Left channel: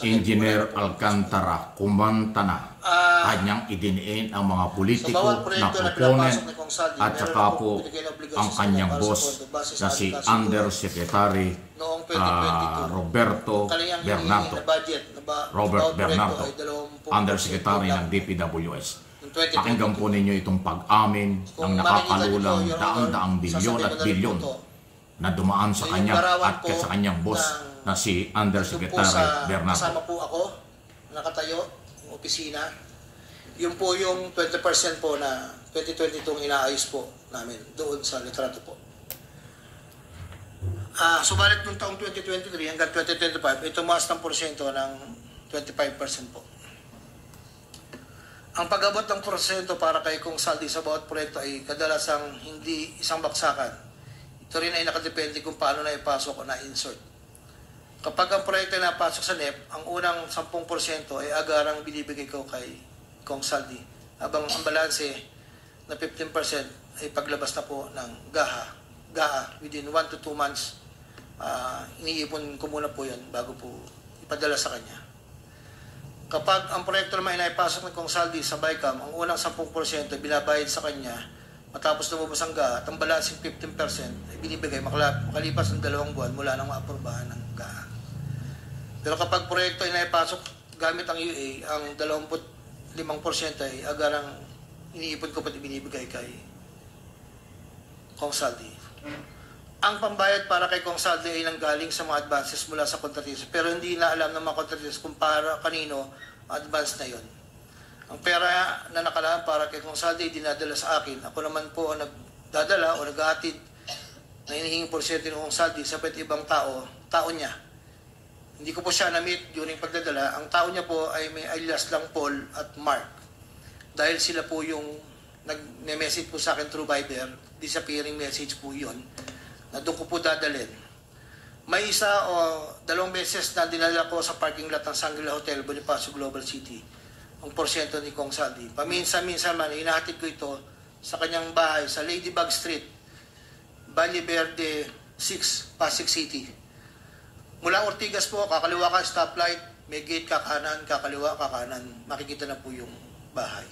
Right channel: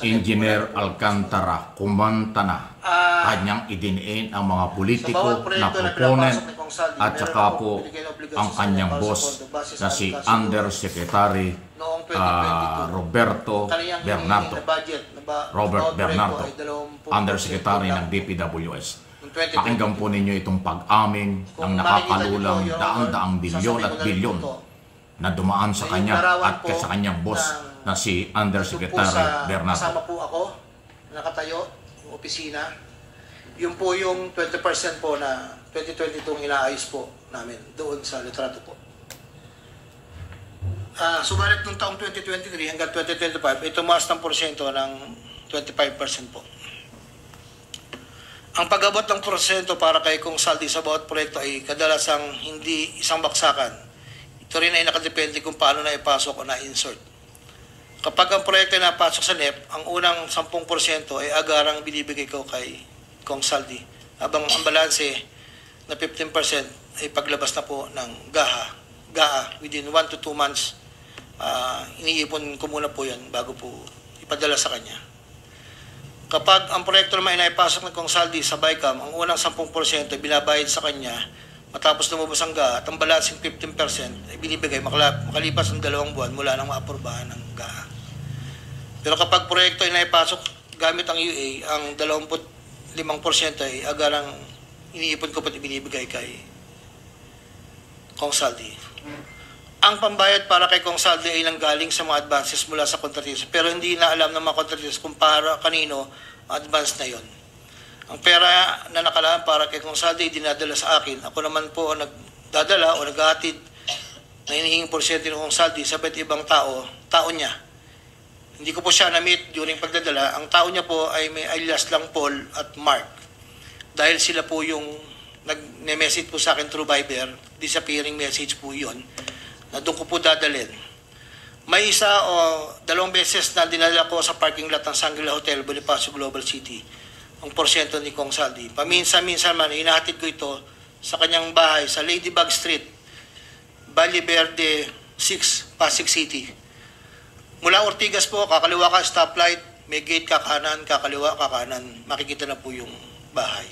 Engineer Alcantara kumanta na kanyang idiniin ang mga politiko na proponent at saka po ang kanyang boss na si Undersecretary Robert Bernardo, Undersecretary ng DPWS. Pakinggan po ninyo itong pag-amin ng nakakalulang daang-daang bilyon at bilyon na dumaan sa kanya at sa kanyang boss na si Undersecretary Bernardo. Kasama po ako, nakatayo, yung opisina. Yun po yung 20% po na 2022 inaayos po namin doon sa litrato po. Subalit nung taong 2023 hanggang 2025, ito tumaas ng porsyento ng 25% po. Ang pag-abot ng porsyento para kay Kong Saldi sa bawat proyekto ay kadalasang hindi isang baksakan. Ito rin ay nakadepende kung paano na ipasok o na-insert. Kapag ang proyekto ay napasok sa NEP, ang unang 10% ay agarang binibigay ko kay Kong Saldi. Habang ang balanse na 15% ay paglabas na po ng GAA within 1 to 2 months. Iniipon ko muna po yan bago po ipadala sa kanya. Kapag ang proyekto naman ay naipasok ng Kong Saldi sa BICAM, ang unang 10% ay binabayad sa kanya matapos lumabas ang GAA at ang balancing 15% ay binibigay makalipas ng 2 buwan mula nang maaprubahan ng GAA. Pero kapag proyekto ay naipasok gamit ang UA, ang 25% ay agarang iniipon ko pat ibinibigay kay Kong Saldi. Ang pambayad para kay Kong Saldi ay nanggaling sa mga advances mula sa kontratista, pero hindi na alam ng mga kontratista kung para kanino ang advance na yon. Ang pera na nakalaan para kay Kong Saldi ay dinadala sa akin. Ako naman po ang nagdadala o naghahatid na hinihinging porsyento ng Kong Saldi sa iba't ibang tao niya. Hindi ko po siya na-meet during pagdadala. Ang tao niya po ay may alias lang Paul at Mark. Dahil sila po yung nag-message po sa akin through Viber, disappearing message po yun, na doon ko po dadalhin. May isa o 2 beses na dinala ko sa parking lot ng Shangri-La Hotel, Bonifacio Global City, ang porsyento ni Kong Saldi. Paminsan-minsan man, inahatid ko ito sa kanyang bahay sa Ladybug Street, Valle Verde 6, Pasig City. Mula Ortigas po, kakaliwa ka stoplight, may gate ka kanan, kakaliwa ka kanan, makikita na po yung bahay.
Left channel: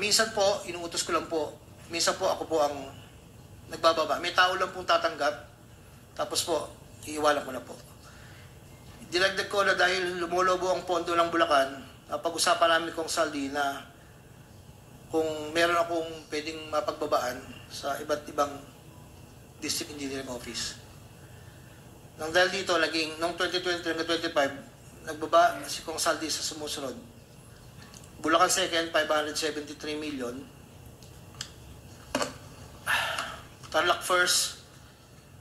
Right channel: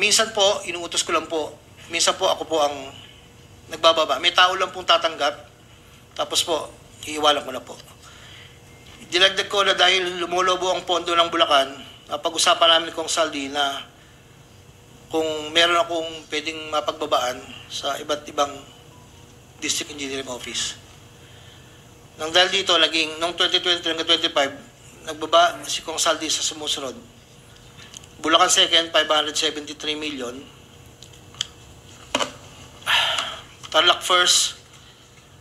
Minsan po, inuutos ko lang po, minsan po ako po ang nagbababa. May tao lang pong tatanggap, tapos po, iiwalan ko na po. Dinagdag ko na dahil lumulobo ang pondo ng Bulacan, pag-usapan namin Kong Saldi na kung meron akong pwedeng mapagbabaan sa iba't ibang district engineering office. Nang dahil dito, noong 2023 hanggang 2025, nagbaba si Kong Saldi sa sumusunod. Bulacan 2nd, 573 million. Tarlac 1st,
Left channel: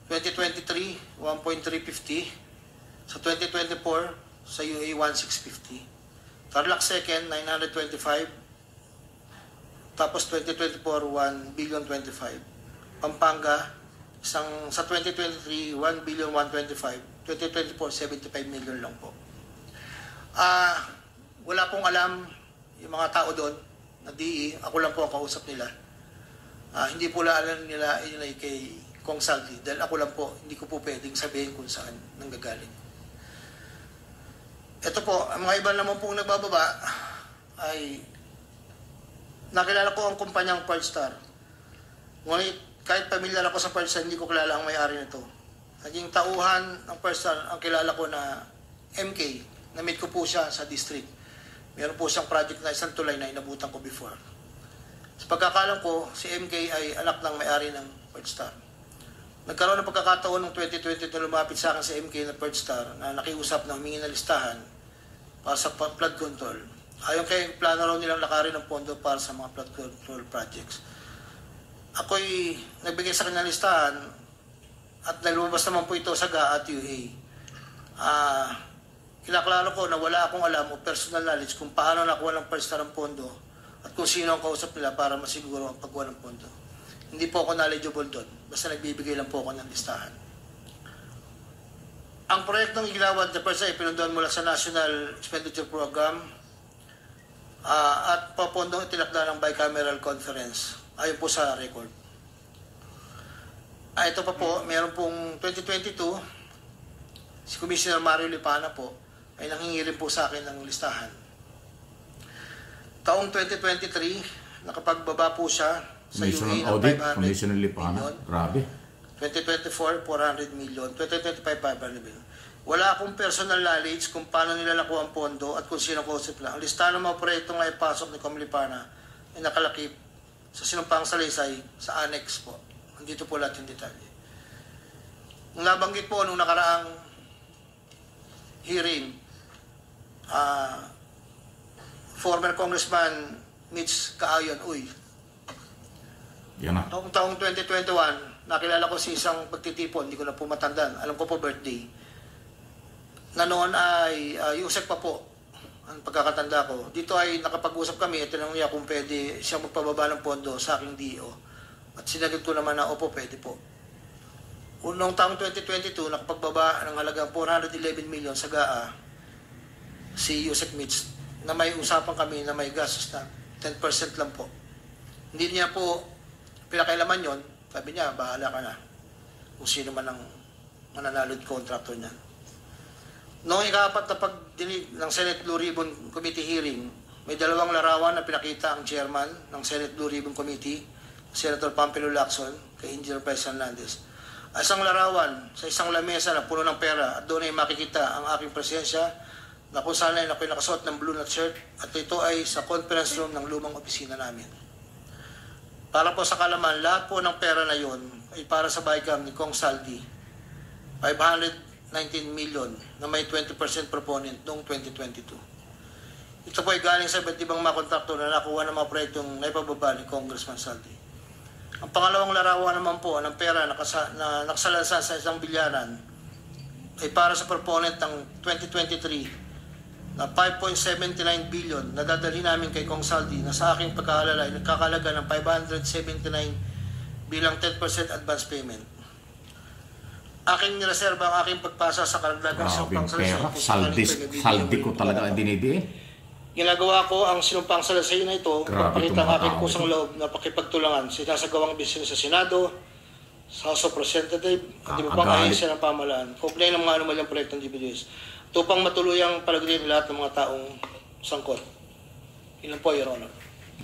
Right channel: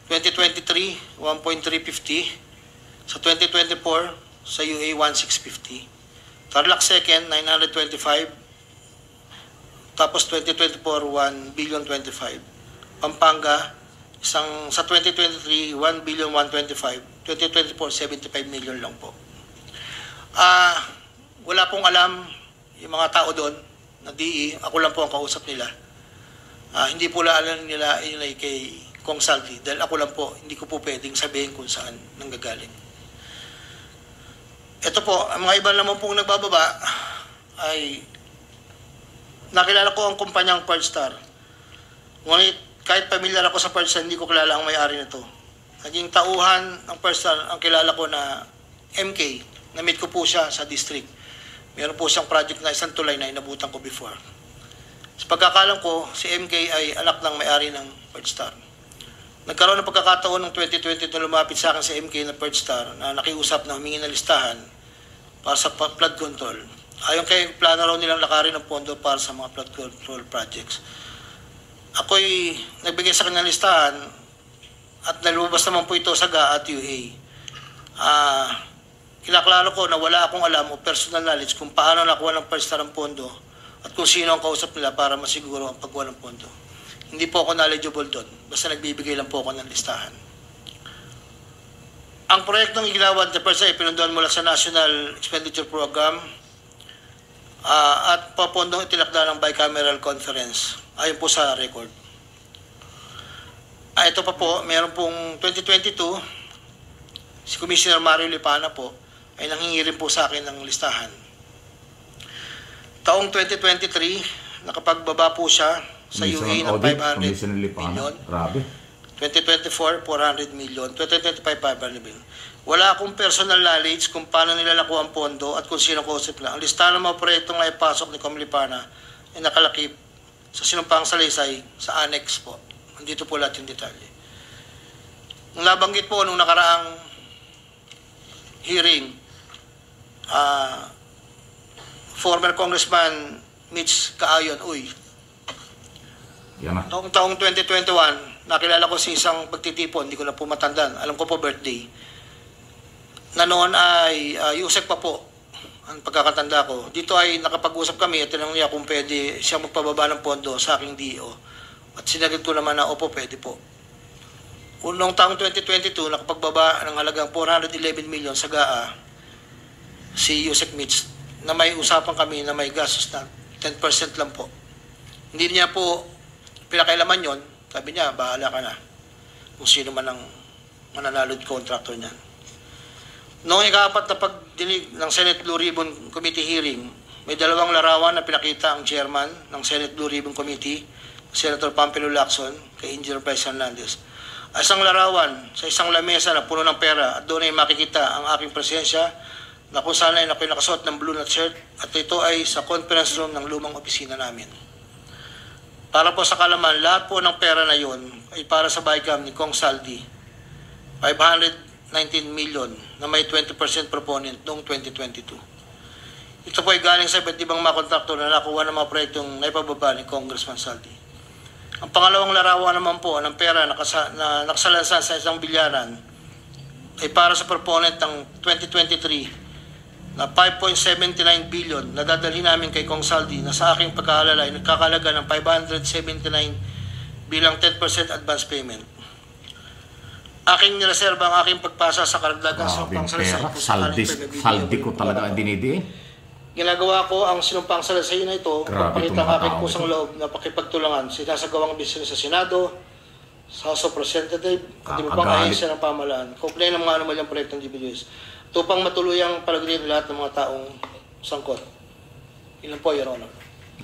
2023, 1.350. Sa 2024, sa UA, 1.650. Tarlac 2nd, 925. Tapos 2024, 1.25 billion. Pampanga, sa 2023, 1.125 billion. 2024, 75 million lang po. Wala pong alam yung mga tao doon na DE. Ako lang po ang kausap nila. Hindi po alam nila yun ay kay Kong Saldi. Dahil ako lang po, hindi ko po pwedeng sabihin kung saan nanggagaling. Ito po, ang mga iba naman pong nagbababa ay nakilala ko ang kumpanyang Pearlstar. Ngunit kahit pamilyar ako sa Pearlstar, hindi ko kilala ang may-ari nito. Naging tauhan ng Pearlstar ang kilala ko na MK. Na-meet ko po siya sa district. Meron po siyang project na isang tulay na inabutan ko before. Sa pagkakalam ko, si MK ay anak ng may-ari ng Pearlstar. Nagkaroon ng pagkakataon ng 2020 na lumapit sa akin si MK na Pearlstar na nakiusap na humingi ng listahan para sa flood control. Ayon kay plano raw nilang lakarin ng pondo para sa mga flood control projects. Ako'y nagbigay sa kanyang listahan at nalubas naman po ito sa GAA at UA. Kinaklaro ko na wala akong alam o personal knowledge kung paano nakuha ng Pearlstar ang pondo at kung sino ang kausap nila para masiguro ang pagkuha ng pondo. Hindi po ako knowledgeable doon, basta nagbibigay lang po ako ng listahan. Ang proyektong iglawan sa Pearlstar ay pinunduan mula sa National Expenditure Program at papondong itinakda ng bicameral conference. Ayon po sa record. Ito pa po, meron pong 2022, si Commissioner Mario Lipana po, ay nanghingi rin po sa akin ng listahan. Taong 2023, nakapagbaba po siya sa UA ng 500 million. Grabe. 2024, 400 million. 2025, 500 million. Wala akong personal knowledge kung paano nila nakuha ang pondo at kung sino kausap na. Ang listahan ng mga proyektong na ipasok ni Comlipana ay nakalakip sa sinumpang salaysay sa annex po. Nandito po lahat yung detalye. Nung nabanggit po nung nakaraang hearing, former Congressman Mitch Kaayon, noong taong 2021, nakilala ko si isang pagtitipon, hindi ko na po matandaan, alam ko po birthday, na noon ay Yusek pa po, ang pagkakatanda ko. Dito ay nakapag-usap kami at tinanong niya kung pwede siya magpababa ng pondo sa aking DO. At sinagot ko naman na, opo, pwede po. Noong taong 2022, nakapagbaba ng halagang 411 million sa GAA si Yusek Mitch, na may usapan kami na may gastos na 10% lang po. Hindi niya po pinakailaman yon. Sabi niya, bahala ka na kung sino man ang mananalod contractor niyan. Noong ika-4 na pagdinig ng Senate Blue Ribbon Committee hearing, may dalawang larawan na pinakita ang chairman ng Senate Blue Ribbon Committee, Senator Pampilo Lacson, kay Engineer Bryce Hernandez. Isang larawan sa isang lamesa na puno ng pera at doon ay makikita ang aking presensya na kung saan ay ako'y nakasuot ng blue na shirt at ito ay sa conference room ng lumang opisina namin. Para po sa kalaman, lahat po ng pera na yon ay para sa BICAM ni Kong Saldi, 519 million na may 20% proponent noong 2022. Ito po ay galing sa iba't ibang mga kontraktor na nakuha ng mga proyektong naipababa ni Congressman Saldi. Ang pangalawang larawan naman po ng pera na nakasalansan sa isang bilyaran ay para sa proponent ng 2023 na 5.79 billion na dadalhin namin kay Kong Saldi na sa aking pagkaalala ay nagkakalaga ng 579 bilang 10% advance payment. Aking nireserba ang aking pagpasa sa karagdagang sinumpang salaysay. Saldi ko talaga ang dinidi. Ginagawa ko ang sinumpang salaysay na ito para pakita ang aking kusang loob na pakipagtulangan sinasagawang business sa Senado, sa House of Representatives, at iba pang ahensya ng pamahalaan. Kaugnay ng mga anomalyang proyektong DPWH. Ito pang matuluyang palagay lahat ng mga taong sangkot. Ilan po, Your Honor?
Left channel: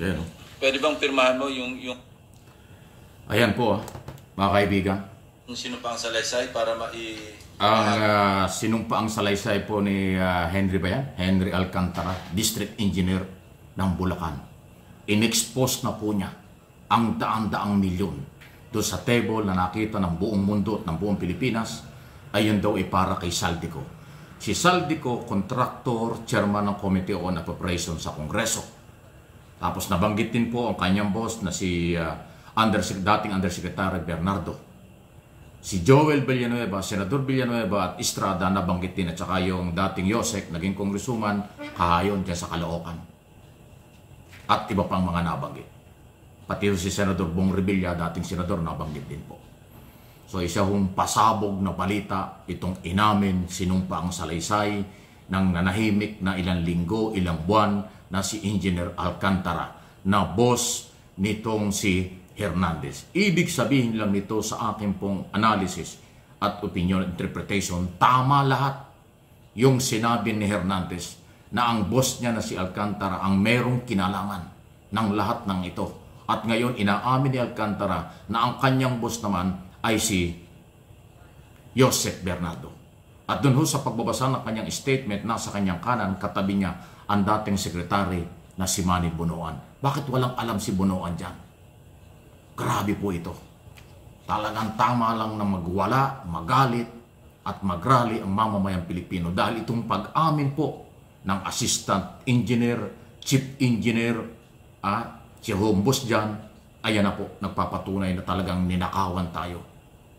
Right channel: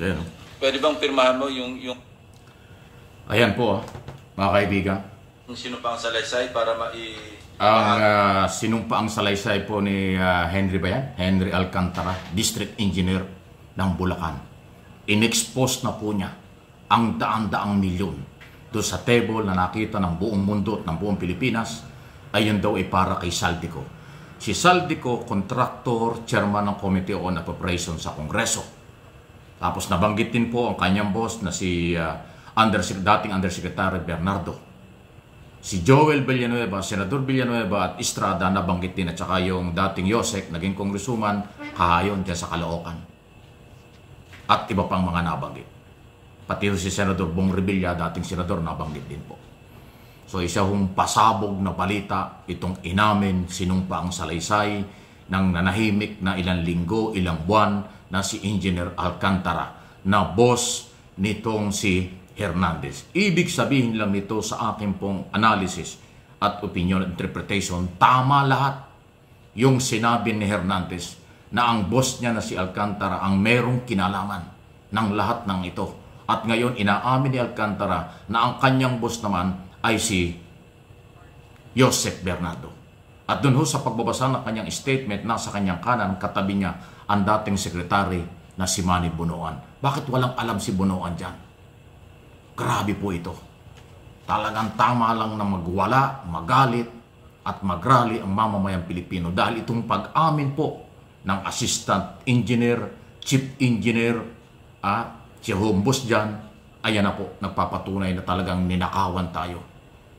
Ayan. Pwede bang pirmahan mo yung Ayan po, mga kaibigan. Yung sinumpang salaysay para Ang sinumpaang salaysay po ni Henry Alcantara, District Engineer ng Bulacan. In-expose na po niya ang daan-daang milyon doon sa table na nakita ng buong mundo at ng buong Pilipinas. Ayun daw ay para kay Saldico. Si Saldico, contractor, chairman ng Committee on Appropriations sa Kongreso. Tapos nabanggit din po ang kanyang boss na si dating Undersecretary Bernardo. Si Joel Villanueva, Senador Villanueva at Estrada nabanggit din, at saka yung dating Yosek, naging congresswoman, kahayon dyan sa Caloocan. At iba pang mga nabanggit. Pati si Senador Bong Revilla, dating senador, nabanggit din po. So isa hong pasabog na balita, itong inamin, sinumpa ang salaysay ng nanahimik na ilang linggo, ilang buwan na si Engineer Alcantara na boss nitong si Hernandez. Ibig sabihin lang nito sa akin pong analysis at opinion interpretation, tama lahat yung sinabi ni Hernandez na ang boss niya na si Alcantara ang merong kinalaman ng lahat ng ito. At ngayon inaamin ni Alcantara na ang kanyang boss naman ay si Joseph Bernardo. At doon sa pagbabasa ng kanyang statement, nasa kanyang kanan, katabi niya ang dating sekretary na si Manny Bonoan. Bakit walang alam si Bonoan dyan? Grabe po ito. Talagang tama lang na magwala, magalit, at magrally ang mamamayang Pilipino dahil itong pag-amin po ng assistant engineer, chief engineer, si home boss dyan, ayan na po, nagpapatunay na talagang ninakawan tayo.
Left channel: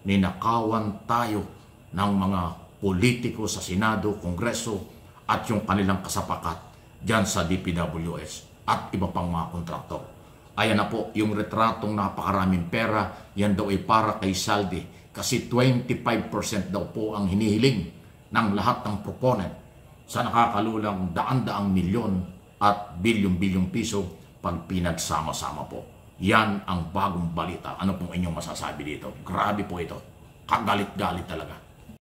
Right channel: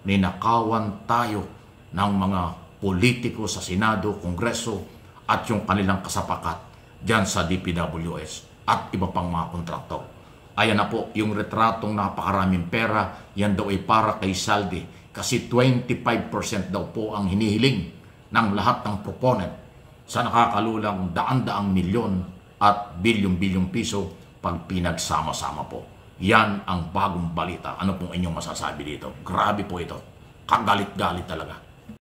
Ninakawan tayo ng mga politiko sa Senado, Kongreso, at yung kanilang kasapakat dyan sa DPWS at iba pang mga kontraktor. Ayan na po, yung retratong napakaraming pera, yan daw ay para kay Saldi. Kasi 25% daw po ang hinihiling ng lahat ng proponent sa nakakalulang daan-daang milyon at bilyong-bilyong piso pag pinagsama-sama po. Yan ang bagong balita. Ano pong inyong masasabi dito? Grabe po ito. Kagalit-galit talaga.